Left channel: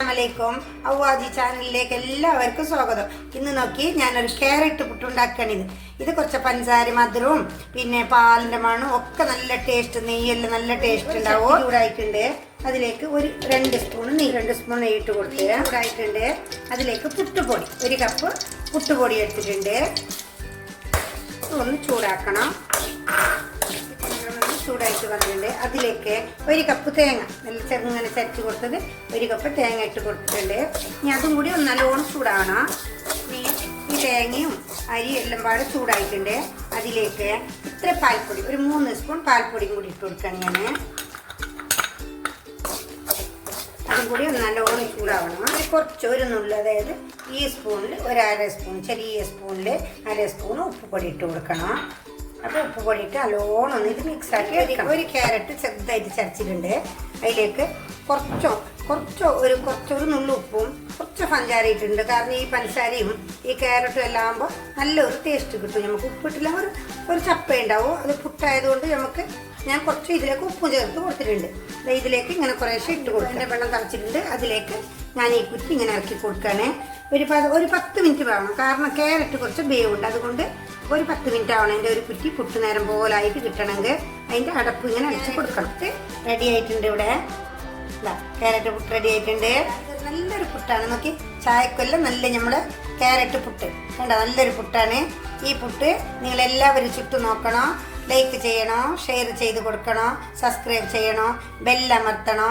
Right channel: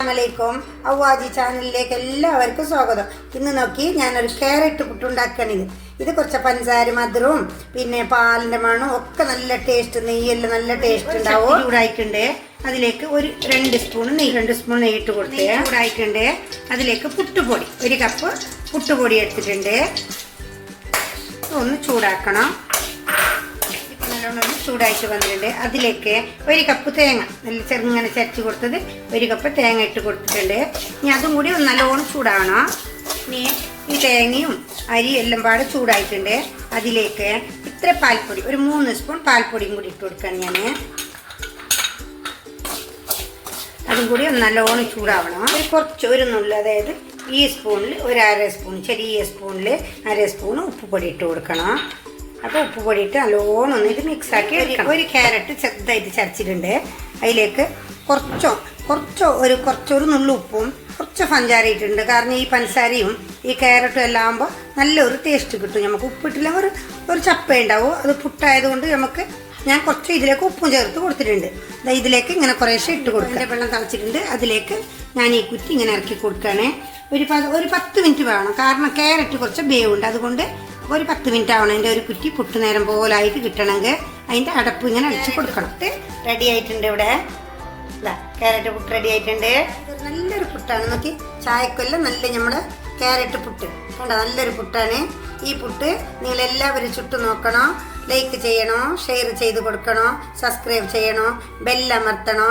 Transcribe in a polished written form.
അസ്സലാമലൈക്കും അവ്വാജി ചാനലിലേക്ക് എല്ലാവർക്കും സ്വാഗതം. ഇന്ന് നോക്കി ഞാനൊരു ക്യാരറ്റ് പുട്ടുണ്ടാക്കണിത്. ഇത് കുറച്ച് പഞ്ചസാര മധുരവും പിന്നെ പാലിൻ്റെ മണവും ഒക്കെ നല്ല ടേസ്റ്റ്, നെയ്യെല്ലാം നല്ല ടേസ്റ്റ് ഉണ്ടാവും. ചൂടായിട്ടുണ്ട് അതിലേക്ക് ഒരു 2 സ്പൂൺ നെയ്യ് ഇട്ട് കൊടുത്ത് ചൂടായിട്ടുണ്ട്. അതിലേക്ക് പുട്ടുപൊടി 1 കപ്പ് പുട്ടുപൊടി എടുത്തിട്ടുണ്ട്. ഒന്ന് ചൂടാക്കണം. ചൂടായിട്ട് വന്നിട്ടുണ്ട്. അതിലേക്ക് 1 കപ്പ് തേങ്ങ നല്ല ചെറുങ്ങനെ ചരച്ച് കൊടുത്തത് 1 കപ്പ് തേങ്ങ ഇട്ട് കൊടുത്തിട്ടുണ്ട്. ഇനി അതും കൂടി ഒന്ന് നല്ലോണം ചൂടാകണം. ഇനി ഈ തേങ്ങയും അരിയും എല്ലാം പാടെ ചൂടായിട്ടുണ്ട്. അതിലേക്ക് ഇത്ര പാൽപ്പൊടി, ഒരു 3 സ്പൂൺ പാൽപ്പൊടിയും കൂടി ഇട്ട് കൊടുക്കണം. ഞാൻ അതും കൂടി ഒന്ന് നല്ലോണം ചൂടാവണം. ഒരു നുള്ളി, അതായത് ഈ സ്പൂണിൽ ഒരു 1/2 സ്പൂൺ, ചെറിയ സ്പൂണിൽ 1/2 സ്പൂൺ ഉപ്പുപൊടി ഇട്ട് കൊടുക്കണം. അപ്പോൾ ഉപ്പുപൊടി ഇട്ട് നല്ലോണം ഒന്നിട്ട് മിക്സാക്കി എടുക്കണം. ഒരു ക്യാരറ്റ് ചെറുതായിട്ട് ചരച്ചിട്ടുണ്ട്. അതിലേക്ക് കുറച്ചൊരു നുള്ളു ഉപ്പും കുറച്ച് പഞ്ചസാര ഇട്ടിട്ടുണ്ട്. കാരണം ഈ പഞ്ചസാരയും ഈ ക്യാരറ്റും എല്ലാം ആകുമ്പോൾ നല്ലൊരു ടേസ്റ്റ് കിട്ടും. നമുക്ക് ഉപ്പിട്ടില്ല ഒരു ചപ്പ ഉണ്ടാവും. അത് പുട്ടായതുകൊണ്ട് ഞാൻ കുറച്ച് ഇതിലേക്ക് ഉപ്പും ചേർത്ത് കൊടുത്തിട്ടുണ്ട്. ഇതിലേക്ക് ഇങ്ങനെ കുറേശ്ശെ ഇട്ട് കൊടുക്കുക. വെള്ളം തിളച്ചിട്ടുണ്ട്. അതിലേക്ക് ഞാൻ ഈ കുറ്റി ഇങ്ങനെ ഇറക്കി കൊടുക്കുകയാണേ. ഒരു 10 മിനിറ്റ് വേണം. കാരണം ക്യാരറ്റ് കുറച്ച് വേവുണ്ട്. അതുകൊണ്ട് ഒരു 10 മിനിറ്റ് ആവണം. അതിൻ്റെ ഒരു കുറ്റി പുട്ട് നേരം പോലായിട്ട് കിട്ടണമെങ്കിൽ അതിൻ്റെ അടപ്പ് ഇങ്ങനെ അടിച്ച് കൊടുക്കണം. റെഡി ആയിട്ടുണ്ട്. ഇവിടെ ക്യാരറ്റ് പുട്ട് റെഡി ആയിട്ടുണ്ട്. നല്ലൊരു പുട്ടാണ്. നോക്കി, ചായക്കൊല്ലം നല്ല നമ്മുടെ ക്യാരറ്റ് പുട്ട് കണ്ടോ, നല്ലൊരു പുട്ടാണ്. ഈ പുട്ട് നിങ്ങളെല്ലാവരും ചുട്ടു നോക്കണം. ലൈക്ക് ചെയ്യണോ, ഷെയർ ചെയ്ത് കൊടുക്കണോ, സബ്സ്ക്രൈബ് ചെയ്യണോ, ബെല്ലമർത്തണോ.